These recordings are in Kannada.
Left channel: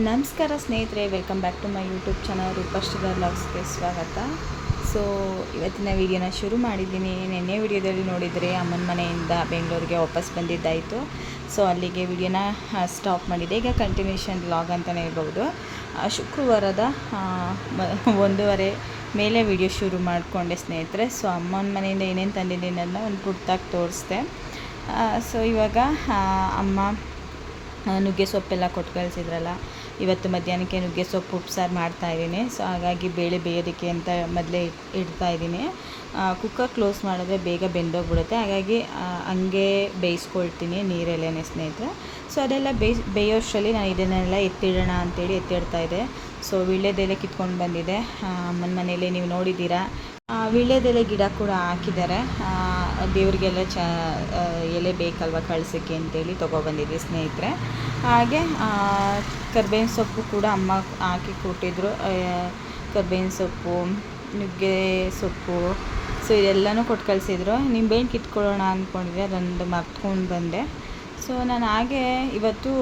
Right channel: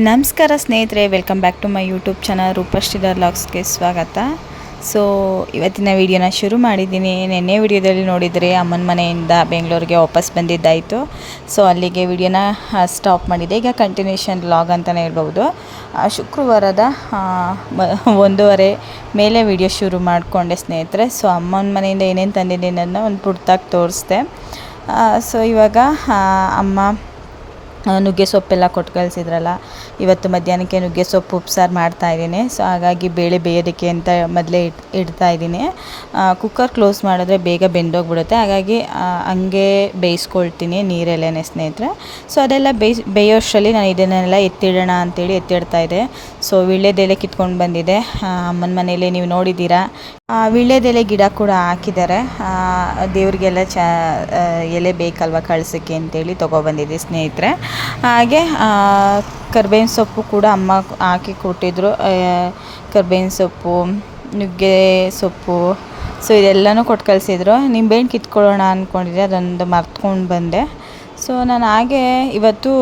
ನಮಸ್ಕಾರ ಸ್ನೇಹಿತರೆ welcome back to my YouTube channel Roopashridhar ಲಾಗ್ಸ್ಗೆ ಸ್ವಾಗತ. ಸೊ ಇವತ್ತಿನ ವಿಡಿಯೋನ ಶುರು ಮಾಡಿದ್ದೀನಿ. ನಿನ್ನೆ ವಿಡಿಯೋದಲ್ಲಿ ನೋಡಿದರೆ ಅಮ್ಮನ ಮನೆಯಿಂದ ಬೆಂಗಳೂರಿಗೆ ವಾಪಸ್ ಬಂದಿದ್ದಾಯಿತು. ಸೊ ಅಲ್ಲಿಗೆ ವಿಡಿಯೋನ ಸ್ಟಾಪ್ ಮಾಡಿದೆ. ಈಗ ಕಂಟಿನ್ಯೂಷನ್ ಲಾಗ್ ಅಂತಲೇ ಹೇಳ್ಬೋದು ಶುಕ್ರವಾರದ ಒಂದೂವರೆ ಮೇಲೆ ವಿಡಿಯೋ ಶುರು ಮಾಡಿಕೊಂಡೆ ಸ್ನೇಹಿತರೆ. ಸೊ ಅಮ್ಮನ ಮನೆಯಿಂದ ಏನೇನು ತಂದಿದ್ದೀನಿ ಅನ್ನೋ ಒಂದು ಪುಟ್ಟಾಗಿ ತೋರಿಸ್ದೆ. ಸೊ ಇವಾಗ ಅಮ್ಮ ನುಗ್ಗೆ ಸೊಪ್ಪೆಲ್ಲ ಕೊಟ್ಟು ಕಳಿಸಿದ್ರಲ್ಲ ಇವತ್ತು ಮಧ್ಯಾಹ್ನಕ್ಕೆ ನುಗ್ಗೆ ಸೊಪ್ಪು ಉಪ್ಸಾರು ಮಾಡ್ತಾ ಇದ್ದೀನಿ. ಸೊ ಹಾಗಾಗಿ ಬೇಳೆ ಬೇಯೋದಕ್ಕೆ ಅಂತ ಮೊದಲೇ ಇಟ್, ಇಡ್ತಾ ಇದ್ದೀನಿ. ಕುಕ್ಕರ್ ಕ್ಲೋಸ್ ಮಾಡಿದ್ರೆ ಬೇಗ ಬೆಂದೋಗ್ಬಿಡುತ್ತೆ. ಹಾಗಾಗಿ ಹಂಗೆ ಬೇಯಿಸ್ಕೊಳ್ತೀನಿ ನೀರಲ್ಲೇನೆ ಸ್ನೇಹಿತರೆ. ಸೊ ಅದೆಲ್ಲ ಬೇಯ್, ಬೇಯೋಷ್ಟರಲ್ಲಿ ನಾನು ಇದನ್ನೆಲ್ಲ ಎತ್ತಿಡೋಣ ಅಂತೇಳಿ ಎತ್ತಿಡ್ತಾ ಇದ್ದೆ. ಸೊ ವೀಳ್ಯದೆಲೆ ಕಿತ್ಕೊಂಡು ಬಂದಿದೆ ಅಮ್ಮನ ಮನೇಲಿ ನೀವು ನೋಡಿದ್ದೀರಾ? ವೀಳ್ಯದೆಲೆ ಗಿಡ ಕೂಡ ಹಾಕಿದ್ದಾರೆ. ದೇವರಿಗೆಲ್ಲ ಚ ಎಲೆ ಬೇಕಲ್ವ ಕಳ್ಸೋಕ್ಕೆ ಅಂತೇಳಿ ತೊಗೊಬಂದಿದ್ದೆ ಸ್ನೇಹಿತರೆ. ಹಾಗೆ ಕರ್ಬೇವಿನ ಸೊಪ್ಪು ಕೂಡ ಅಮ್ಮ ಹಾಕಿ ಕೊಟ್ಟಿದ್ರು. ಕರ್ಬೇವಿನ ಸೊಪ್ಪು, ನುಗ್ಗೆ ಸೊಪ್ಪು, ಸೊ ಇದೆಲ್ಲನೂ ಕೊಟ್ಟು ಕಳಿಸಿದ್ರು. ನಿಂಬೆಹಣ್ಣು ಕಿತ್ಕೊಳ್ಳೋಣ ಅಂದ್ಕೊಂಡಿದ್ದೆ ಅದೊಂದು ಮರ್ತ್ಕೊಂಡು ಬಂದೆ. ಸೊ ನಾನು ಹಾಗೆ ಇವತ್ತು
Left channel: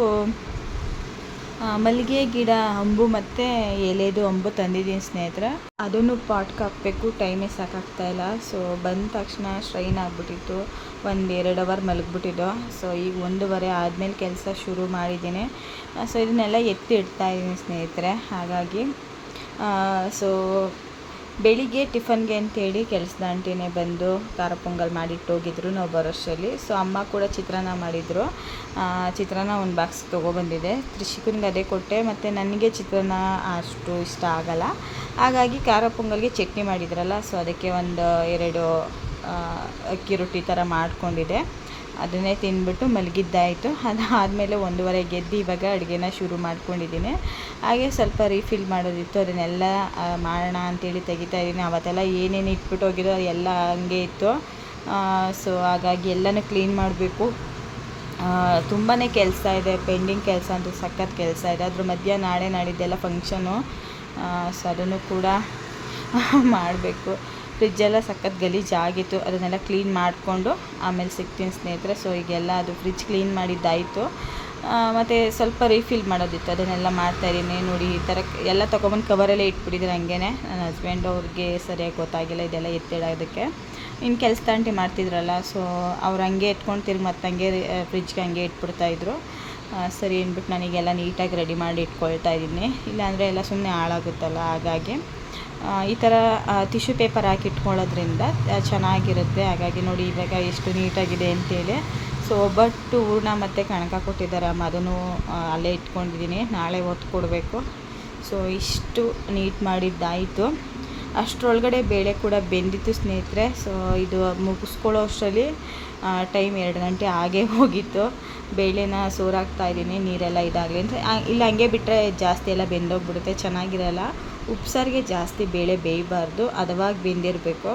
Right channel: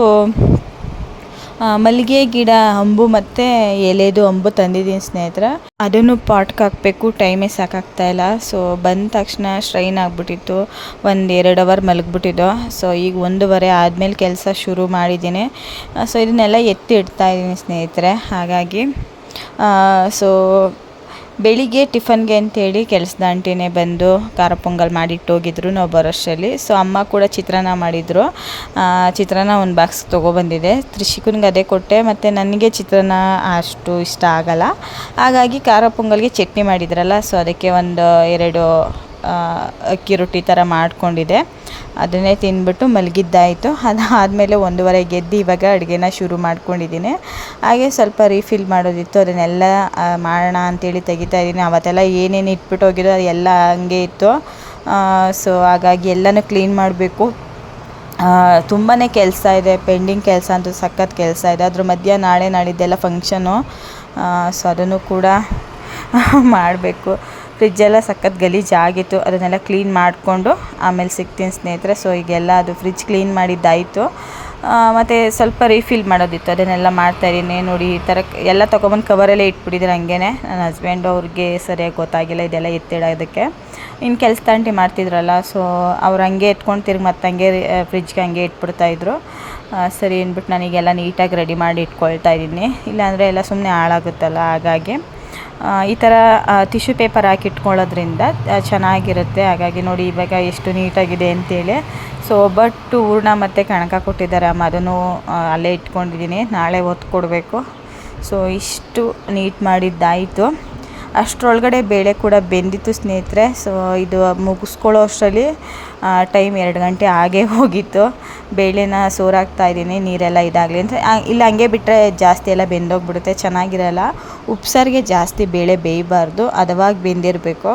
ಮಲ್ಲಿಗೆ ಗಿಡ, ಅಂಬು ಮತ್ತು ಎಲೆದು ಅಂಬು ತಂದಿದ್ದೀನಿ ಸ್ನೇಹಿತರೆ. ಅದನ್ನು ಪಾಟ್ಗೆ ಹಾಕಬೇಕು, ಟೈಮೇ ಸಾಕಾಗ್ತಾ ಇಲ್ಲ. ಸೊ ಬಂದ ತಕ್ಷಣ ಸ್ಟ್ರೈನ್ ಆಗಿಬಿಟ್ಟಿತ್ತು. ಒಂದು ಎರಡು ಅವರ್ ಮಲಗಿಬಿಟ್ಟಿದ್ದು. ಸೊ ಈಗ ಒಂದೂವರೆ ಆದಮೇಲೆ ಕೆಲಸ ಶುರು ಮಾಡಿದ್ದೀನಿ. ಸೊ ಇದನ್ನೆಲ್ಲ ಎತ್ತಿ ಇಡ್ತಾ ಇದ್ದೀನಿ ಸ್ನೇಹಿತರೆ. ಹಾಗಾಗಿ ಸೊ ಬೆಳಿಗ್ಗೆ ಟಿಫನ್ಗೆ ಅಂತೇಳಿ ಕೆಲಸದ ಆಂಟಿನೇ ಬಂದು ಖಾರ ಪೊಂಗಲ್ ಮಾಡಿಟ್ಟೋಗಿದ್ರು ನಾವು ಬರೋಷ್ಟರಲ್ಲಿ. ಸೊ ಅಮ್ಮ ಕೂಡ ಚಿತ್ರಾನ್ನ ಮಾಡಿದರು. ಚಿತ್ರಾನ್ನ ಒಂದು ಬಾಕ್ಸ್ ತೊಗೊಬಂದಿದೆ. ತ್ರಿಶಿಕನ್ಗೆ ಅದೇ ಕೊಟ್ಟೆ. ಮತ್ತು ನನಗೆ ಚಿತ್ರಾನ್ನ ಅಷ್ಟು ಇಷ್ಟ ಆಗಲ್ಲ. ಹಾಗಾಗಿ ಖಾರ ಪೊಂಗಲ್ಗೆ ಚಟ್ನಿ ಮಾಡಿದ್ರಲ್ಲ ಸೊ ಅದಕ್ಕೆ ಒಂದು ಎರಡು ಅಕ್ಕಿ ರೊಟ್ಟಿ ಥರ ಮಾಡ್ಕೊಂಡಿದ್ದೆ. ಅದನ್ನೇ ತಿಂದ್ಬಿಟ್ಟು ಮಲಗಿದ್ದಾಯಿತು. ಅದಾದಮೇಲೆ ಒಂದೂವರೆ ಗೆದ್ದು ಇವಾಗ ಅಡುಗೆನ ಶುರು ಮಾಡ್ಕೊಂಡಿದ್ದೀನಿ. ಹಾಗೆ ಸ್ವಲ್ಪ ರೀಫಿಲ್ ಮಾಡೋದಿತ್ತು. ಅದನ್ನೆಲ್ಲ ಮಾಡೋಣ ಅಂತೇಳಿ ತೆಗಿತಾ ಇದ್ದೀನಿ. ಅವತ್ತೆಲ್ಲ ಏನೇನು ಇಟ್ಬಿಟ್ಟು ಹೋಗಿದ್ದೋ ಎಲ್ಲ ಹಂಗೆ ಇತ್ತು. ಸೊ ಹಾಗಾಗಿ ಎಲ್ಲನೂ ಕ್ಲೀನ್ ಮಾಡಬೇಕು. ತುಂಬಾ ಕೆಲಸ ಇದೆ. ಪೆಂಡಿಂಗ್ ಕೆಲಸ ಅಂತ ಸಖತ್ ಕೆಲಸ ಇದೆ. ಅದ್ರ ಮಧ್ಯ ನಾಳೆ ನಾಡಿದ್ದೆಲ್ಲ ಫಂಕ್ಷನು ಸೊ ಅದನ್ನು ಕೂಡ ಮಾಡಬೇಕು. ಫ್ರಿಜ್ಜೆಲ್ಲ ಸಖತ್ ಗಲೀಜಾಗಿತ್ತು ಅದನ್ನೆಲ್ಲ ಕ್ಲೀನ್ ಮಾಡಿಕೊಂಡು ಆಮೇಲೆ ಸಿಗ್ತೀನಿ ಸ್ನೇಹಿತರೆ. ಸೊ ಈಗೆಲ್ಲ ಅದು ಫ್ರಿಜ್ ಕ್ಲೀನ್ ಮಾಡಿದ್ದಾಯಿತು. ಮತ್ತು ಸ್ವಲ್ಪ ರೀಫಿಲ್ ಮಾಡೋದಿತ್ತು. ಅದನ್ನೆಲ್ಲ ಮಾಡ್ತಾಯಿದ್ದೀನಿ ನೋಡಿ, ಈ ಥರ ಎಲ್ಲ ತೊಗೊಬಂದು ಕವರಲ್ಲೇ ಇಟ್ಬಿಟ್ಟಿದ್ದೀನಿ ಹಂಗೇ ನನ್ನ ಹಸ್ಬೆಂಡ್ ಅವ್ರಿಗೆ ಸರಿಯಾಗಿ ಗೊತ್ತಾಗಿಲ್ಲ ಇದೆಲ್ಲ ಎತ್ತಿಡೋದಕ್ಕೆ ಇನ್ನು ಕೆಲಸ ತಂಟಿ ಮಾಡ್ತಿದ್ರಲ್ಲ ಸೊ ಅವ್ರು ಹಂಗೆ ಎತ್ಕೊಂಡು ತಿರ್ಗಿ ಮತ್ತೆ ಹಂಗೆ ಫ್ರಿಜ್ಗೆ ಹಂಗೆ ಇಟ್ಬಿಡ್ತಾಯಿದ್ರು ಸರಿ ಅಂದ್ಬಿಟ್ಟು ನನಗೆಲ್ಲ ನೀಟಾಗಿ ರೆಡಿ ಮಾಡಿ ಇಟ್ಕೊಳ್ತಾ ಇದ್ದೀನಿ. ಇಲ್ಲಾಂದರೆ ಎಲ್ಲ ಸುಮ್ಮನೆ ಹಾಳಾಗುತ್ತಲ್ಲ ಹಾಗಾಗಿ. ಈ ಥರ ಟಿಶ್ಯೂ ಪೇಪರ್ ಹಾಕಿ ಇಟ್ಕೊಳ್ಳೋದ್ರಿಂದ ಚೆನ್ನಾಗಿರುತ್ತೆ. ಹಾಗಾಗಿ ನೋಡಿ ಇವಾಗ ಎಷ್ಟು ನೀಟಾಗಿದೆ ಅಂತೇಳಿ. ಸೊ ಒಬ್ಬಟ್ಟು ಹೂರ್ಣ ಮತ್ತು ಕಣಕ ಕೊಟ್ಟಿದ್ದಾರೆ ಅಮ್ಮ. ಅದನ್ನು ಅಲ್ಲೇ ಇಟ್ಕೊಂಡಿದ್ದೀನಿ. ನಾಳೆ ಒತ್ತು ಕೊಡಬೇಕು. ಸೊ ಇಷ್ಟು ನೀಟ್ ಮಾಡಿದ್ದಾಯಿತು. ಅಷ್ಟರೊಳಗಡೆ ಬೇಳೆ ಕೂಡ ಬೆಂದಿತ್ತು ಸ್ನೇಹಿತರೆ. ಸೊ ಇದು ಮುಗಿಸ್ಕೊಳ್ಳೋ ಅಷ್ಟರಲ್ಲಿ ಟೈಮ್ ಎರಡು ಗಂಟೆ ಆಗೇ ಹೋಗಿತ್ತು. ಬೇಳೆನ ಸೋರಾಗ್ತಾ ಇದ್ದೀನಿ. ನೀರೆಲ್ಲ ಇದಾಗಲಿ ಅಂತ. ಇಲ್ಲ, ಹಂಗೆ ಬಿಟ್ಟರೆ ಜಾಸ್ತಿ ಎಲ್ಲ ಬೆಂದೋಗ್ಬಿಡುತ್ತೆ. ಚೆನ್ನಾಗಿರಲ್ಲ. ಉಪ್ಸಾರಿಗೆ ಜಾಸ್ತಿ ಬೇಳೆ ಬೇಯಬಾರ್ದು ಹದವಾಗಿ ಬೆಂದಿರಬೇಕು.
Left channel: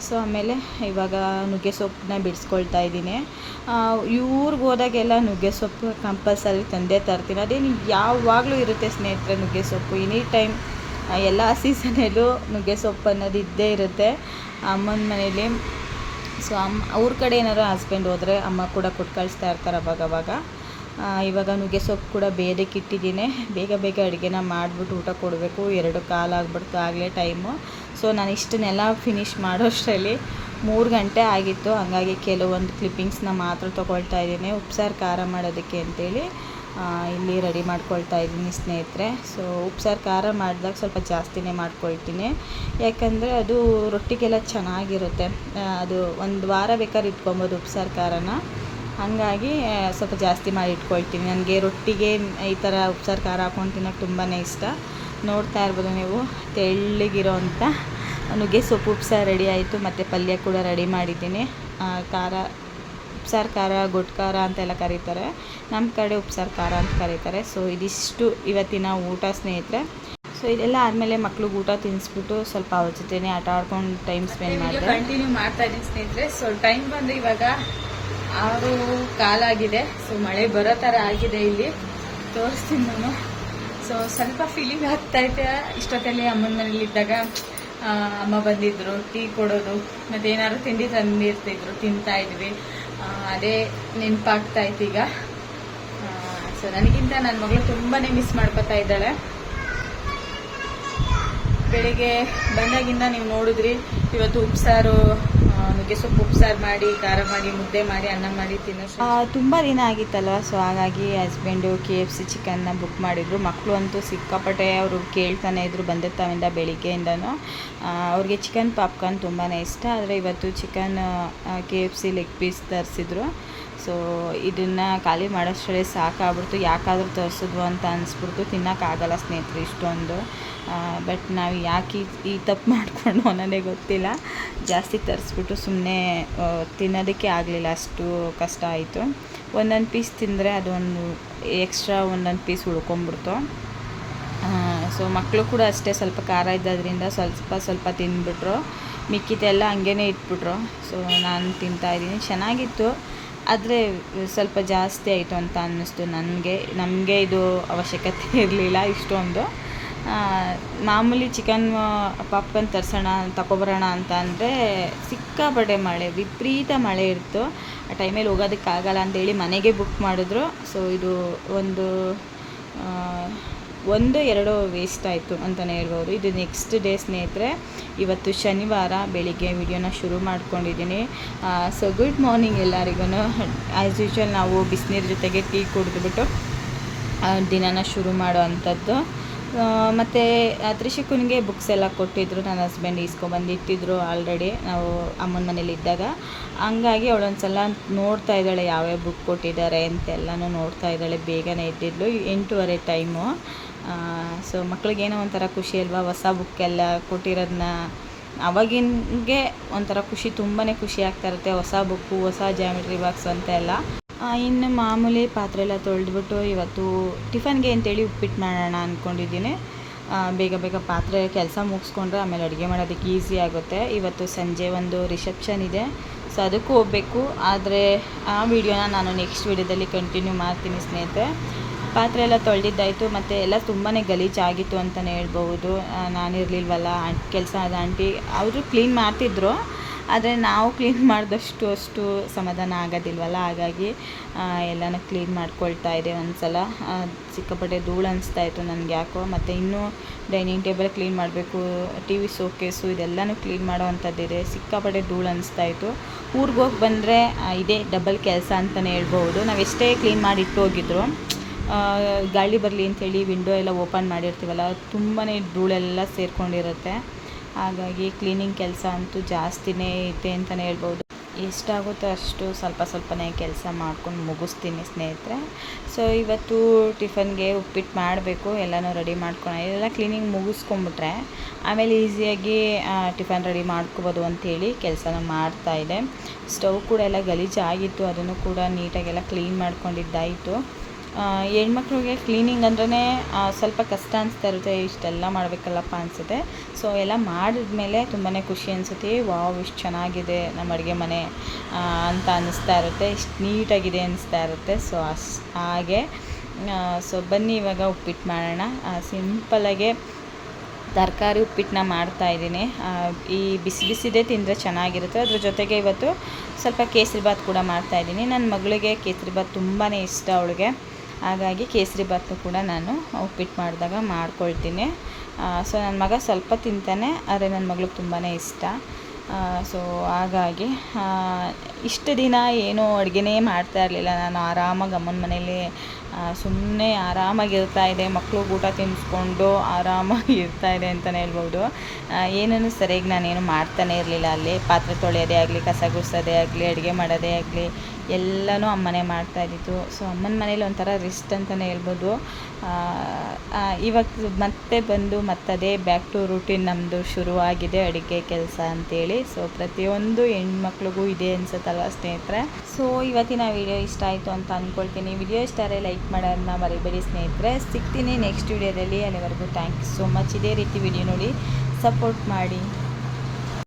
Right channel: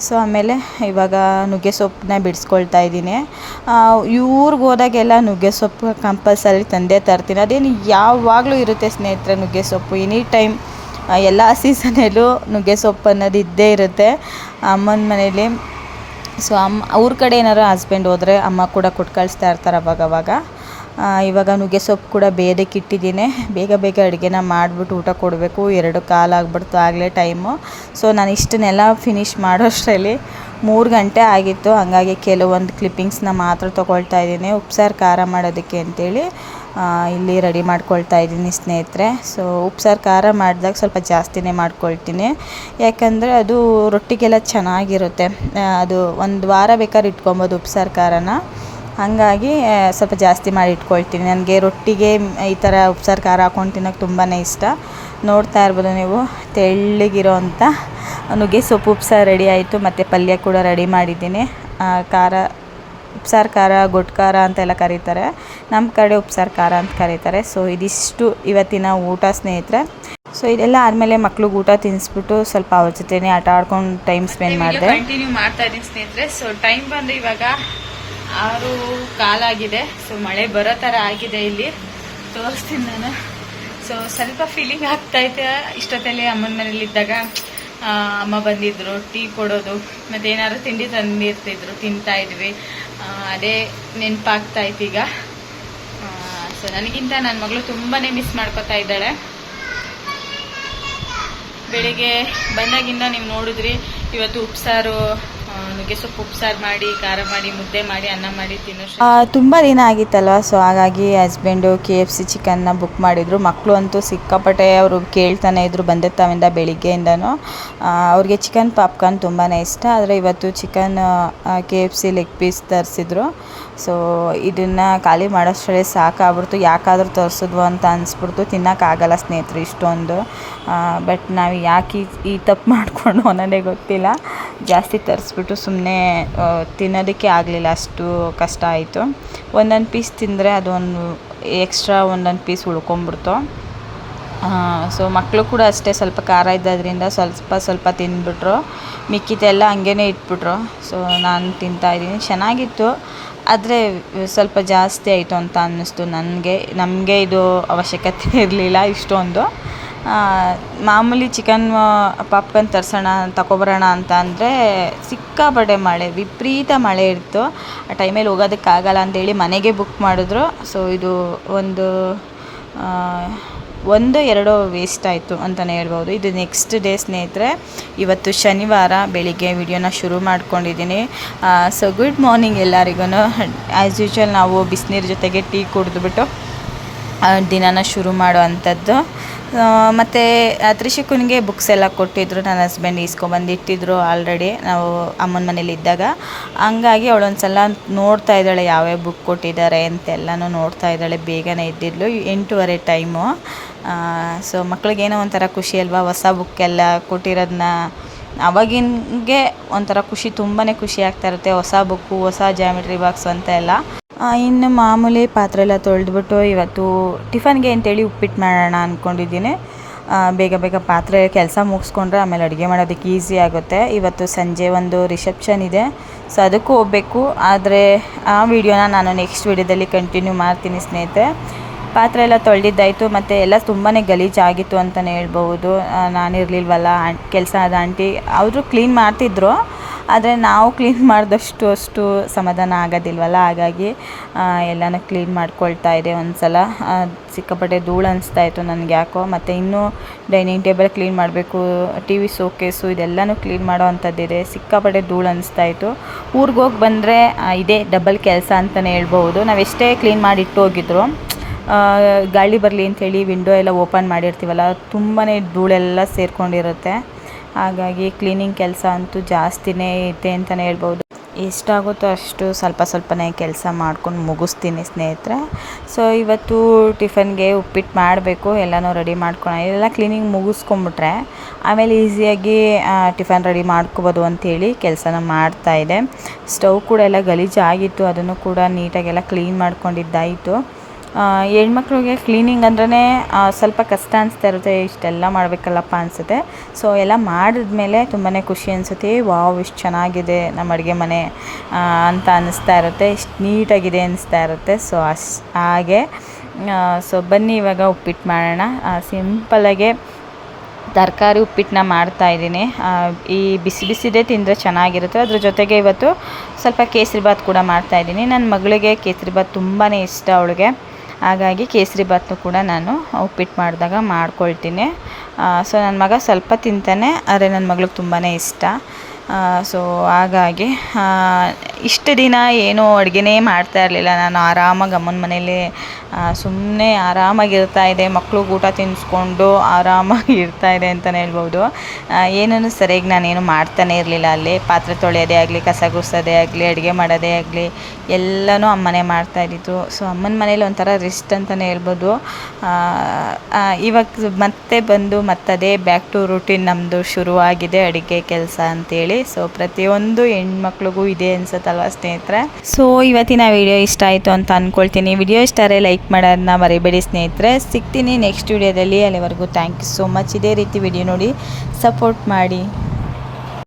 ಸೊ ಆಮೇಲೆ ಇವಾಗ ನುಗ್ಗೆ ಸೊಪ್ಪನ್ನ ಬಿಡಿಸ್ಕೊಳ್ತಾ ಇದ್ದೀನಿ. ಇವ್ರಿಗೆ ಹೋದಾಗೆಲ್ಲ ನುಗ್ಗೆ ಸೊಪ್ಪು ಕಂಪಲ್ಸರಿ ತಂದೆ ತರ್ತೀನಿ. ಅದೇನು ಯಾವಾಗಲೂ ಇರುತ್ತೆ ಸ್ನೇಹಿತರೆ ನುಗ್ಗೆ ಸೊಪ್ಪು. ಎನಿ ಟೈಮ್ ಎಲ್ಲ ಸೀಸನಲ್ಲೂ ನುಗ್ಗೆ ಸೊಪ್ಪು ಅನ್ನೋದು ಇದ್ದೇ ಇರುತ್ತೆ. ಅಮ್ಮನ ಮನೇಲಿ. ಸೊ ಅಮ್ಮ ಅವ್ರ ಕಡೆ ಏನಾರು ಹಸ್ಬೆಂಡ್ ಹೋದರೆ ಅಮ್ಮ ಕೂಡ ಕೊಟ್ಟು ಕಳಿಸ್ತಾ ಇರ್ತಾರೆ ಅವಾಗ ಅವಾಗ ಆ, ಇವಾಗ ನುಗ್ಗೆ ಸೊಪ್ಪು ಕೂಡ ಬೇಯೋದಕ್ಕೆ ಇಟ್ಟಿದ್ದೀನಿ. ಬೇಗ ಬೇಗ ಅಡುಗೆನ ಮಾಡಿಬಿಟ್ಟು ಊಟ ಕೊಡಬೇಕು. ಎರಡು ಕಾಲು ಆಗ್ಬಿಡ್ತು ಆಗಲೇ ಟೈಮು ಸೊ ನಾನು ಇಷ್ಟನ್ನೆಲ್ಲ ಫಿನಿಷ್ ಮಾಡೋಷ್ಟರಲ್ಲಿ ಮೂರು ಗಂಟೆ ಆಗಿತ್ತು. ಹಾಗಾಗಿ ಕೆಲವೊಂದು ಕ್ಲಿಪ್ಪಿಂಗ್ಸ್ನ ಮಾತ್ರ ತೊಗೊಳ್ತಾ ಇದ್ದೀನಿ. ಉಪ್ಸಾರು ಖಾರ ಮಾಡೋದಕ್ಕೆ ಅಂತೇಳಿ ಇಲ್ಲಿ ರೆಡಿ ಮಾಡ್ಕೊಳ್ತಾ ಇದ್ದೀನಿ ಸ್ನೇಹಿತರೆ. ಸೊ ಉಪ್ಸಾರು ಖಾರ ಮಾಡಿದಾಗ ಸ್ವಲ್ಪ ಜಾಸ್ತಿನೇ ಮಾಡ್ಕೊಳ್ತೀನಿ. ಯಾಕಂದರೆ ಅದು ರೊಟ್ಟಿಗೆಲ್ಲ ಚೆನ್ನಾಗಿರುತ್ತೆ. ಅದು ಒಂದು ವಾರ ಬೇಕಾದ್ರೆ ಇಟ್ಕೊಬೋದು ಉಪ್ಸಾರು ಖಾರನ. ಹಾಗಾಗಿ ಸ್ವಲ್ಪ ಜಾಸ್ತಿ ಮಾಡಿ ಇಟ್ಕೊಳ್ತೀನಿ. ನನಗೆ ರೊಟ್ಟಿಗೆ ಈ ಥರ ಉಪ್ಸಾರು ಖಾರ ಹಾಕೊಂಡು ತಿನ್ನೋಕೆ ತುಂಬಾ ಇಷ್ಟ. ನೋಡ್ತಾ ಇರ್ಬೋದು ನೀವು ತೆಳ್ಳಗಿರೋ ಅಂಥ ನುಗ್ಗೆ ಸೊಪ್ಪು ಉಪ್ಸಾರು ರೆಡಿ ಆಯಿತು. ಮತ್ತು ಪಲ್ಯ ಕೂಡ ರೆಡಿ ಮಾಡಿದ್ದೀನಿ. ಖಾರ ಉಪ್ಸಾರು ಖಾರ ಗೊಟ್ಟು ಖಾರ ಅಂತೆಲ್ಲ ಕರೀತಾರೆ. ನಮ್ಮ ಕಡೆ ಉಪ್ಸಾರು ಖಾರ ಅಂತ ಕರೀತಾರೆ. ಸೊ ಇದಿಷ್ಟು ಇವತ್ತಿನ ಊಟ ಸ್ನೇಹಿತರೆ. ಸೊ ಇದೆಲ್ಲ ಆದಮೇಲೆ ಮಕ್ಳಿಗೆ ಊಟ ತಿನ್ನಿಸ್ಬಿಟ್ಟು ಸ್ವಲ್ಪ ಅವ್ರ ಜೊತೆ ಆಟ ಆಡ್ಕೊಂಡು ಟೈಮ್ ಸ್ಪೆಂಡ್ ಮಾಡಿದೆ. ಕಂಟಿನ್ಯೂ ಮಾಡ್ತಾ ಇದ್ದೀನಿ ಸ್ನೇಹಿತರೆ. ಸೊ ಟೈಮ್ ಬಂದು ಇವಾಗ ಆರು ಕಾಲಾಗಿದೆ ಸೊ ಮಳೆ ಬರೋ ಥರ ಆಗಿದೆ ಇಲ್ಲಿ. ತೋರಿಸ್ತೀನಿ ನಾನು. ಸೊ ಸ್ವಲ್ಪ ಫೀಲಿಂಗ್ ಆಗ್ತಾ ಐತೆ ಇಷ್ಟೊತ್ತಲ್ಲಿ ಅಮ್ಮನ ಮನೇಲಿ ಇದ್ದಾಗ. ಅಮ್ಮ ಬಂದಿದ್ರು ಟೀ ಕೊಡೋದು, ಮತ್ತೆ ಏನಾದ್ರು ತಿಂಡಿ ತಂದಿರ್ತಿದ್ರು, ತಿಂತಾ ಇದ್ವಿ. ಅದೇ ನೆನಪಾಗ್ತಾ ಇತ್ತು ಈಗ. ಸೊ ನನಗಿಂತ ನನ್ನ ಮಗಳು ತುಂಬಾ ಮಿಸ್ ಮಾಡ್ಕೊತಾ ಇದ್ದಾಳೆ. ಬೆಳಿಗ್ಗೆ ಬಂದಾಗಿಂದ ನೀವು ನೋಡಿದ್ರಿ, ಇವತ್ತು ಉಪ್ಸಾರು ಸೊಪ್ಪು ಉಪ್ಸಾರು ಮಾಡಿ, ಖಾರ ಮಾಡಿ, ಮುದ್ದೆ ಮಾಡಿ, ಅನ್ನ ಮಾಡಿ ತಿನ್ನೋ ತುಂಬ ದಿನ ಆಗಿತ್ತಲ್ವ? ಸೊ ಹಾಗಾಗಿ ಹಸ್ಬೆಂಡು ಕೆ ಎಫ್ ಸಿ ಚಿಕನ್ನ ಬುಕ್ ಮಾಡಿದರು. ಮಕ್ಕಳು ಅಂತೂ ಸಿಕ್ಕಾಪಟ್ಟೆ ಅವರು ಕೇಳ್ತಾನೆ ಇದ್ರು ತಾವಿಂದ ಬೆಳಿಗ್ಗೆಯಿಂದನೂ. ಅವ್ರಿಗೆ ಚಿಕನ್ ಪಾಪ್ಕಾರ್ನ್ ತುಂಬಾ ಇಷ್ಟ. ಆದರೆ ಇವತ್ತು chicken K F C leg piece ತರಿಸಿದ್ರು. So ಇದನ್ನು ಖಾಲಿ ಮಾಡೋಷ್ಟರಲ್ಲಿ ಸಾಕಾಗ್ಬಿಡ್ತು. ಯಾಕಾದರೂ ತರಿಸಿದ್ವು ಅಂತ ಅನಿಸ್ಬಿಡ್ತು. ತಿನ್ನೋಕ್ಕಾಗಲ್ಲ ಸ್ನೇಹಿತರು ಇಷ್ಟೊಂದು. ಬಟ್ ನಾವು ಯಾಕೆ ಈ- ತಪ್ಪು ಮಾಡಿಕೊಂಡು ಅನ್ನೋದೇ ಗೊತ್ತಿಲ್ಲ. ಜಾಸ್ತಿ ತರಿಸ್ಬಿಟ್ಟು ಸುಮ್ಮನೆ ತಿನ್ನೋದಕ್ಕೆ ಆಗಲಿಲ್ಲ. ಅಷ್ಟು ಕಷ್ಟ ಆಯಿತು. ಒಂದೊಂದು ಪೀಸ್ ತಿಂದರೆ ಅದೊಂದು ಎಕ್ಸ್ಟ್ರಾ ಒಂದೊಂದು ಪೀಸ್ ಉಳ್ಕೊಂಬಿಡ್ತು ಸೊ ಮಕ್ಕಳು ಕೂಡ ಅಷ್ಟೇ ಸ್ವಲ್ಪ ಖಾರ ಇದ್ದದ್ರಿಂದ ಸ್ವಲ್ಪ ಸ್ವಲ್ಪ ತಿಂದ್ಬಿಟ್ರು ಮಿಕ್ಕಿದೆಲ್ಲ ಹಂಗೇ ಇಟ್ಬಿಟ್ರು. ಸೊ ನಾನು ತಿಂತಾಯಿದ್ದೀನಿ ಚೆನ್ನಾಗಿತ್ತು. ಆದರೆ ಸ್ವಲ್ಪ ಜಾಸ್ತಿ ಆಯಿತು ಅಂತ ಅನ್ನಿಸ್ತು ನನಗೆ. ನಮಗೆ ಇದು ಅವಶ್ಯಕತೆ ಇರಲಿಲ್ಲ ಇಷ್ಟೊಂದು. ಮಾಮೂಲಿ ಚಿಕನ್ ಪಾಪ್ಕಾರ್ನ್ ತರ್ಸೋಣ ತಗೊಬರೋಣ ಅಂತ ಅಂದರೆ ಸಿಕ್ಕಾಪಟ್ಟೆ ಮಳೆ, ವಿಪರೀತ ಮಳೆ ಇತ್ತು ಆ ಟೈಮಲ್ಲಿ ಹೋಗೋದಕ್ಕಾಗಲ್ಲ ಅಂತೇಳಿ ಮನೆಗೆ ಬುಕ್ ಮಾಡಿದ್ರು. ಸೊ ಇದು ಒಂದು ಒಂದು, ಎರಡು ವೇಸ್ಟ್ ಆಯಿತು ಅಂತಲೇ ಹೇಳ್ಬೋದು. ಇದು ನೆಕ್ಸ್ಟ್ ಡೇ ಸ್ನೇಹಿತರೆ, ಇವತ್ತು ಶನಿವಾರ ಬೆಳಿಗ್ಗೆ ವಿಡಿಯೋನ ಶುರು ಮಾಡ್ಕೊಂಡಿದ್ದೀನಿ. ಸೊ ಗುಡ್ ಮಾರ್ನಿಂಗ್ ಎಲ್ಲರಿಗೂ ಆ್ಯಸ್ ಯೂಶ್ವಲ್ ನಾವು ಬಿಸಿನೀರು ಜೊತೆಗೆ ಟೀ ಕುಡಿದ್ಬಿಟ್ಟು ದಿನನ ಶುರು ಮಾಡೋ ಅಂಥದ್ದು ಮತ್ತು ತ್ರಿಶಿಕುನಿಗೆ ಬುಕ್ಸ್ ಎಲ್ಲ ಕೊಟ್ಟಿದ್ದರು ನನ್ನ ಹಸ್ಬೆಂಡ್ ಇಸ್ಕೊಬಂದು ಇಟ್ಟಿದ್ದರು ಆಲ್ರೆಡಿ ನಾವು ಅಮ್ಮನ ಮನೇಲಿ ಇದ್ದಾಗ. ಹಂಗಾಗಿ ಅವಳೊಂದು ಸಲ ನೋಡ್ತಾ ಇದ್ದಾಳೆ, ಯಾವ್ಯಾವ ಬುಕ್ ಕೊಟ್ಟಿದ್ದಾರೆ ಅಂತೆಲ್ಲನೂ ನೋಡ್ತಾ ಇದ್ದಾಳೆ, ಬೇಗನೆ ಇದ್ದಿದ್ಲು ಎಂಟೂವರೆ ಟೈಮು ಸೊ ಮಕ್ಳಿಗೇನೋ ಒಂಥರ ಖುಷಿ ಅಲ್ವಾ? ಹೊಸ ಬುಕ್ಕೆಲ್ಲ ಕೊಟ್ಟಿರೋದನ್ನ ಅವಾಗಿನ್ಗೆ ಒಂಥರ ಖುಷಿ ತುಂಬಾ ಖುಷಿ ಆಗ್ತಾ ಇರುತ್ತೆ. ಹೊಸ ಬುಕ್ಕು ಹೊಸ ಜಾಮಿಟ್ರಿ ಬಾಕ್ಸ್ ಅಂತ ಎಲ್ಲ ಇನ್ನು ಮಾಮೂಲಿ ಪಾತ್ರೆ ಎಲ್ಲ ತೊಳೆದ್ಬಿಟ್ಟು ಇವತ್ತು ಟಿಫನ್ಗೆ ಅಂತೇಳಿ ಉಪ್ಪಿಟ್ಟು ಮಾಡೋಣ ಅಂದ್ಕೊಂಡಿದ್ದೀನಿ ಬೇಗ ಬೇಗ ಪಾತ್ರೆ ಕೆಲಸ ಮುಗಿಸ್ಕೊಂಡ್ರೆ ಆಮೇಲೆ ಅಡುಗೆ ಮಾಡೋದಕ್ಕೆ ಈಸಿ ಆಗುತ್ತೆ. ಇವತ್ತು ಸಂಜೆ ಒಂದು ರಿಸೆಪ್ಷನ್ ಇದೆ, ಸೊ ಅದಕ್ಕೂ ಹೋಗಬೇಕು. ಆದರೆ ಆ ವಿಡಿಯೋನ ನಾನು ನೆಕ್ಸ್ಟ್ ವಿಡಿಯೋದಲ್ಲಿ ಕಂಟಿನ್ಯೂ ಮಾಡ್ತೀನಿ ಸ್ನೇಹಿತರೆ. ಪಾತ್ರೆ ಎಲ್ಲ ತೊಳೆದಿದ್ದಾಯಿತು, ಮತ್ತು ಎಲ್ಲ ತುಂಬಾ ಗಲೀಜಾಗಿತ್ತು ಅಂತಲೇ ಹೇಳ್ಬೋದು ನಾನಿರಲಿಲ್ವಲ್ಲ ಕೆಲಸ ಆದ ಆಂಟಿ ಅವರು ಕ್ಲೀನ್ ಮಾಡ್ತಿದ್ರು. ಆದರೆ ನಾವು ಕ್ಲೀನ್ ಮಾಡಿದಷ್ಟು ಅಷ್ಟು ಸಮಾಧಾನ ಆಗೋದಿಲ್ವಲ್ಲ? ಹಾಗಾಗಿ ಎಲ್ಲನ ಕ್ಲೀನ್ ಮಾಡ್ಕೊಳ್ತಾ ಇದೆ ಒಂದು ಸಲ ಸಿಕ್ಕಾಪಟ್ಟೆ ಧೂಳು ಅನಿಸ್ತಾ ಇತ್ತು ನನಗೆ ಯಾಕೋ. ಮತ್ತು ಇನ್ನೂ ಡೈನಿಂಗ್ ಟೇಬಲ್ ಕ್ಲೀನ್ ಮಾಡಬೇಕು ಟಿ ವಿ ಸೋಕೇಸು ಇದೆಲ್ಲನೂ ಕ್ಲೀನ್ ಮಾಡೋ ಅಂಥದ್ದಿದೆ ಸಿಕ್ಕಾಪಟ್ಟೆ ಧೂಳು ಅನಿಸ್ತಾ ಇತ್ತು. ಊರಿಗೆ ಹೋಗಿ ಬಂದರೆ ಇದೇ ಡಬಲ್ ಕೆಲಸ ಅಂತಲೇ ಹೇಳ್ಬೋದು ನಾವು ಎಷ್ಟೇ ಕ್ಲೀನ್ ಮಾಡಿ ಇಟ್ಟು ಹೋಗಿದ್ರು ಗಾಳಿ ಬರಲಿ ಅಂಥೇಳಿ ವಿಂಡೋ ಎಲ್ಲ ಓಪನ್ ಮಾಡಿರ್ತೀವಲ್ಲ ತುಂಬಾ ಧೂಳೆಲ್ಲ ಸೇರ್ಕೊಂಡಿರುತ್ತೆ. ಹಾಗಾಗಿ ಕ್ಲೀನಿಂಗ್ ಕೆಲಸ ಅಂತೂ ಜಾಸ್ತಿನೇ ಇದೆ ಅಂತಲೇ ಹೇಳ್ಬೋದು. ಎಷ್ಟಾಗುತ್ತೋ ಅಷ್ಟು ಸ್ವಲ್ಪ ಸ್ವಲ್ಪನೇ ಕೆಲಸ ಮಾಡ್ಕೊಂಡು ಮುಗಿಸ್ತೀನಿ ಸ್ನೇಹಿತರೆ. ಸೊ ಇವತ್ತು ಟಿಫನ್ಗೆ ಉಪ್ಪಿಟ್ಟು ಮಾಡಬೇಕು, ಎಲ್ಲನೂ ರೆಡಿ ಮಾಡ್ಕೊಂಡು ಎಲ್ಲ ಕ್ಲೀನಿಂಗ್ ಮುಗಿಸ್ಕೊಂಬಿಟ್ರೆ ಆಮೇಲೆ ಈಸಿಯಾಗಿ ಟಿಫನ್ ರೆಡಿ ಮಾಡ್ಕೋಬೋದು ಅಂಥೇಳಿ ಕೆಲಸನ ಮಾಡ್ತಾಯಿದೆ ಸ್ಟವ್ ಕೂಡ ಎಲ್ಲ ಗಲೀಜಾಗಿತ್ತು, ಅದನ್ನು ಕೂಡ ನೀಟಾಗೆಲ್ಲ ಕ್ಲೀನ್ ಮಾಡ್ಕೊಂಡಿದ್ದಾಯಿತು. ಹೆಣ್ಮಕ್ಳಿಗೆ ಕ್ಲೀನಿಂಗ್ ಅಂದ್ರೇ ಸ್ವಲ್ಪ ಕಷ್ಟ ಅನಿಸ್ತಾ ಇರುತ್ತೆ, ಇಷ್ಟೆಲ್ಲ ಮಾಡಬೇಕಲ್ಲಪ್ಪ ಅನಿಸುತ್ತೆ. ಸೊ ಎಲ್ಲ ಮಾಡಿದ್ಮೇಲೆ ತುಂಬಾ ಖುಷಿ ಅನಿಸುತ್ತೆ ವಾವ್, ಇಷ್ಟು ಚೆನ್ನಾಗಿದೆ ನಮ್ಮ ಅಡುಗೆ ಮನೆ ಅಂತ ಅನ್ನಿಸ್ತಾ ಇರುತ್ತೆ, ಇಷ್ಟು ನೀಟಾಗಿದೆ ಅನಿಸ್ತಾ ಇರುತ್ತೆ. ಸೊ ಅಶ್ ಹಾಗೆ ಸೊ ಬನ್ನಿ ಇವಾಗ ಉಪ್ಪಿಟ್ಟು ಮಾಡೋಣ. ಸಿಂಪಲಾಗೆ ತರಕಾರಿ ಉಪ್ಪಿಟ್ಟನ್ನ ಮಾಡ್ತಾಯಿದ್ದೀನಿ ಈ ಬಿಸಿ ಬಿಸಿದೇ ತಿಂದರೆ ಚೆನ್ನಾಗಿರುತ್ತೆ. ಅದ್ರ ಜೊತೆಗೆ ಇವತ್ತು ಸ್ವಲ್ಪ ಕೇಸರಿ ಕೇಸರಿಬಾತ್ ಕೂಡ ಮಾಡ್ತಾಯಿದ್ದೀನಿ ನನ್ನ ಮಗಳಿಗೆ ಕೇಸರಿ ಕೇಸರಿಬಾತ್ ತುಂಬಾ ಇಷ್ಟ ಅವಳಿಗೆ. ಹಾಗಾಗಿ ಕೇಸರಿ ಭಾತ್ನು ಕೂಡ ನಾನು ಉಪ್ಪಿಟ್ಟು ಮಾಡಿದಾಗ ಮಾಡ್ಕೊಳ್ತೀನಿ. ಸೊ ನನ್ನ ಮಗ ಸ್ವಲ್ಪ ತಿಂತಾನೆ, ಆದರೆ ನನ್ನ ಮಗಳಿಗೆ ತುಂಬಾ ಇಷ್ಟ. ಸೊ ಹಾಗಾಗಿ ಇಷ್ಟು ದಿನ ಏನೂ ಅಡುಗೆನೇ ಮಾಡ್ತಾ ಇರಲಿಲ್ಲ. ನಾನು ಆರಾಮಾಗಿ ಅಮ್ಮನ ಮನೇಲಿ ಸುಮ್ಮನೆ ಆರಾಮಾಗಿರ್ತಾ ಇದೆ ಮಕ್ಳಿಗೆ ಊಟ ತಿನ್ನಿಸ್ಕೊಂಡು ಆರಾಮಾಗಿ ಇರ್ತಾ ಇದೆ ಅಂತಲೇ ಹೇಳ್ಬೋದು. ಏನೂ ಸರಿಯಾಗಿ ನಾನೇನು ಮಾಡ್ತಾನೆ ಇರಲಿಲ್ಲ ಅಲ್ಲಿ? ಪಾತ್ರೆ ತೊಳೆಯೋದೇ ಆಗಲಿ, ಕಸ ಗುಡಿಸೋದೇ ಆಗಲಿ, ಅಡುಗೆ ಮಾಡೋದೇ ಆಗಲಿ, ಎಲ್ಲನೂ ಅಮ್ಮನೇ ಮಾಡ್ತಾ ಇದ್ದಿತ್ತು ಸೊ ಅಮ್ಮನ ಮನೇಲಿ ಒಂಥರ ರಿಸ್ಟ್ ಅಂತಲೇ ಹೇಳ್ಬೋದು. ಇವಾಗ ಮತ್ತೆ ಬಂದು ಮತ್ತದೇ ಬ್ಯಾಕ್ ಟು ರೂಟೀನ್ ನಮ್ಮದು ಶುರುವಾಗಿದೆ ಅಡುಗೆ ಕೆಲಸ ಅಂತೇಳಿ. ಸೊ ಪ್ರತಿಯೊಂದು ಹೆಣ್ಮಕ್ಳಿಗೂ ಇದೆ ಅನ್ಸುತ್ತಲ್ವ ಸ್ನೇಹಿತರೆ? ಸೊ ಇವತ್ತಿನ ವಿಡಿಯೋ ಇಷ್ಟ ಆಯಿತು ಅಂತ ಅಂದ್ಕೊಳ್ತೀನಿ ವಿಡಿಯೋ ಇಷ್ಟ ಆದರೆ ಲೈಕ್ ಮಾಡೋದನ್ನ ಮರಿಬೇಡಿ ಸ್ನೇಹಿತರೆ. ಸಿಗ್ತೀನಿ ನೆಕ್ಸ್ಟ್ ವಿಡಿಯೋದಲ್ಲಿ ಅಲ್ಲಿವರೆಗೂ ಥ್ಯಾಂಕ್ ಯು ಸೋ ಮಚ್ ಇದೇ ರೀತಿ ವಿಡಿಯೋ ನೋಡಿ. ಸಪೋರ್ಟ್ ಮಾಡಿ.